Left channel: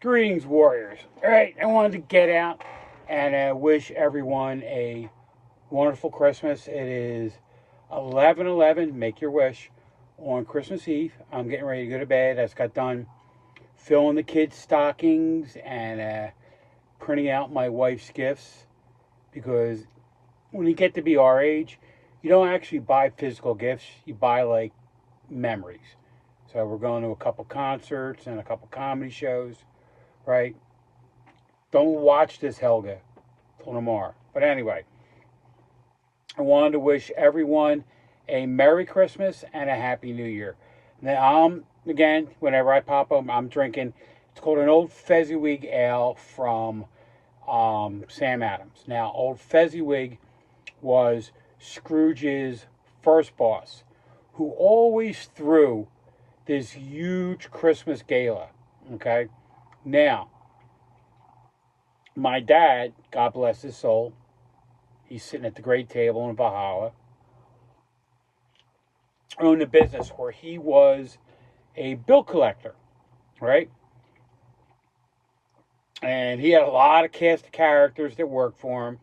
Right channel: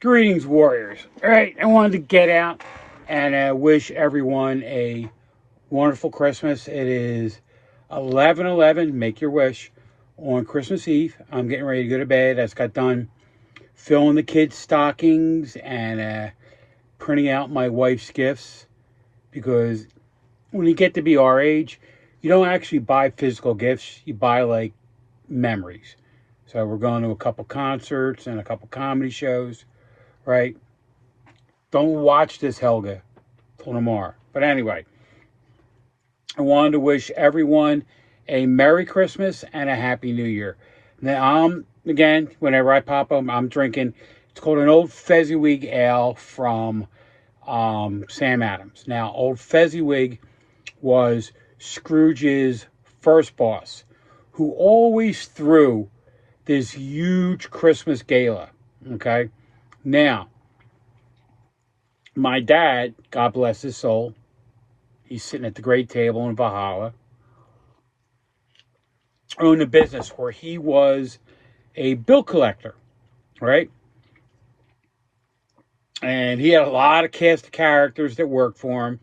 Greetings, warriors. All right, I wanted to get out and wish everyone a wonderful Christmas. It is 11/11. Make your wish on Christmas Eve. I'm getting ready to go to bed. I just got done filling the kids' stockings and printing out my wife's gifts because when you get to be our age, you don't actually buy physical gifts. You buy like memories. So we're going to a couple concerts and a couple comedy shows, right? Don't watch this, Helga, till tomorrow. But anyway, I wanted to wish everyone a Merry Christmas and a Happy New Year. Now, again, whenever I pop up, I'm drinking. It's called an Old Fezziwig Ale from Sam Adams. Now, Old Fezziwig was Scrooge's first boss, who always threw this huge Christmas gala. Okay? Now, my dad, God bless his soul, he's sitting at the great table in Valhalla, owned a business where he was a bill collector, right? And he had a lot of cast of characters that worked for him,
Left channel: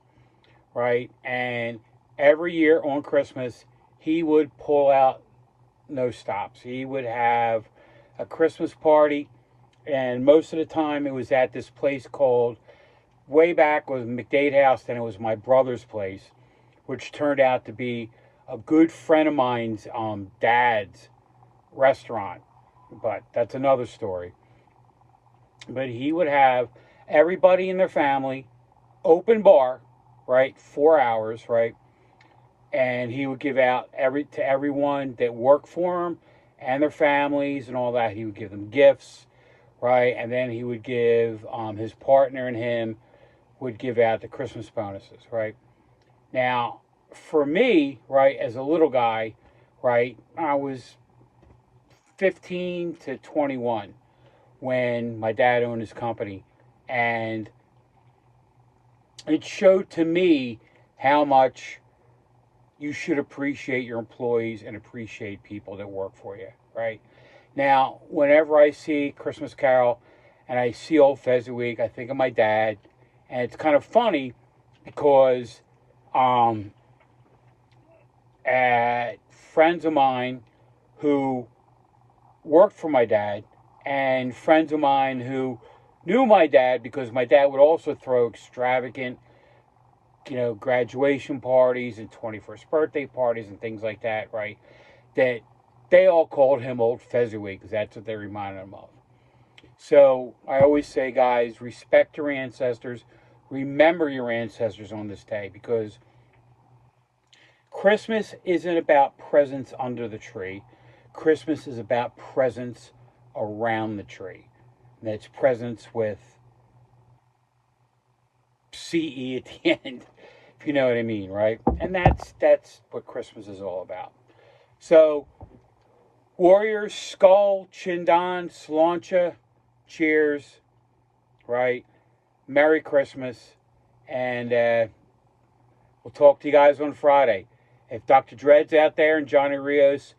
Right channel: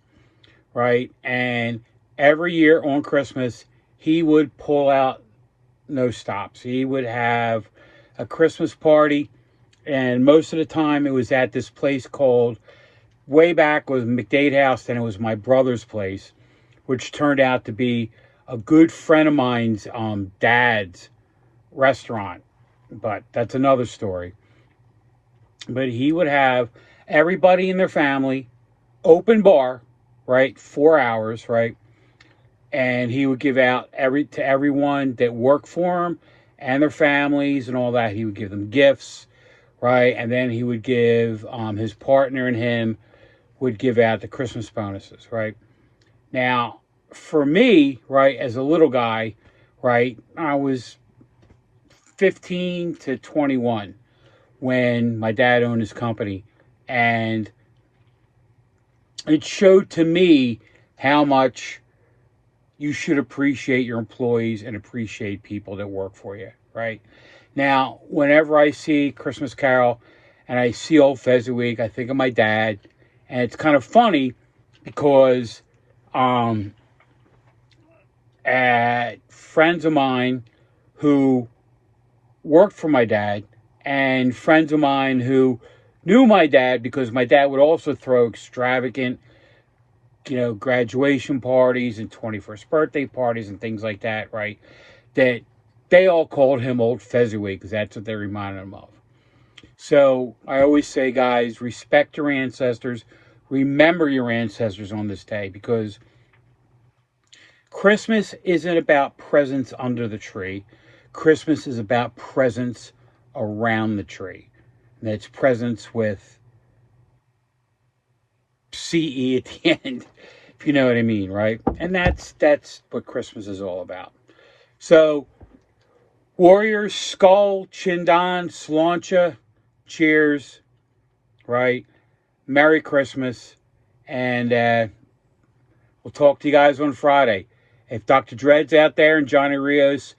right? And every year on Christmas, he would pull out no stops. He would have a Christmas party, and most of the time it was at this place called, way back was McDade House, then it was my brother's place, which turned out to be a good friend of mine's dad's restaurant. But that's another story. But he would have everybody in their family, open bar, right? 4 hours, right? And he would give out to everyone that worked for him and their families and all that. He would give them gifts, right? And then he would give his partner and him would give out the Christmas bonuses, right? Now, for me, right, as a little guy, right, I was 15 to 21 when my dad owned his company. And it showed to me how much you should appreciate your employees and appreciate people that work for you, right? Now, whenever I see Christmas Carol and I see Old Fezziwig, I think of my dad. And it's kind of funny because friends of mine who worked for my dad and friends of mine who knew my dad because my dad would also throw extravagant, graduation parties and 21st birthday parties and things like that, right? That they all called him Old Fezziwig because that's what they reminded him of. So I always say, guys, respect your ancestors. Remember your ancestors on this day because Christmas isn't about presents under the tree. Christmas is about presents around the tree. And it's presents with CE at the end, if you know what I mean, right? And that's what Christmas is all about. So, Warriors, Skull, Chindan, Slancha, cheers, right? Merry Christmas, and we'll talk to you guys on Friday. If Dr. Dredd's out there and Johnny Rios,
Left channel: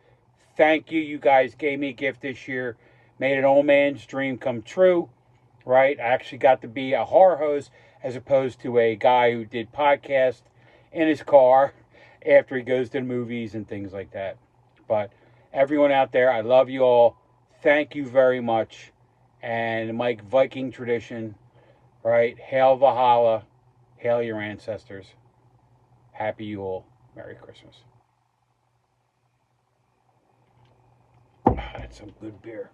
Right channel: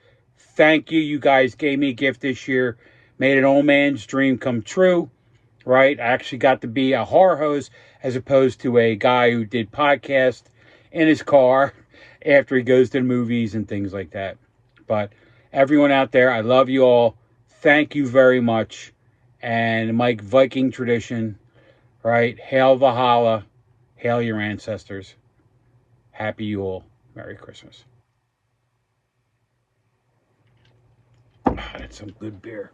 thank you. You guys gave me a gift this year. Made an old man's dream come true, right? I actually got to be a horror host as opposed to a guy who did podcasts in his car after he goes to the movies and things like that. But everyone out there, I love you all. Thank you very much. And Mike, Viking tradition, right? Hail Valhalla. Hail your ancestors. Happy Yule. Merry Christmas. That's some good beer.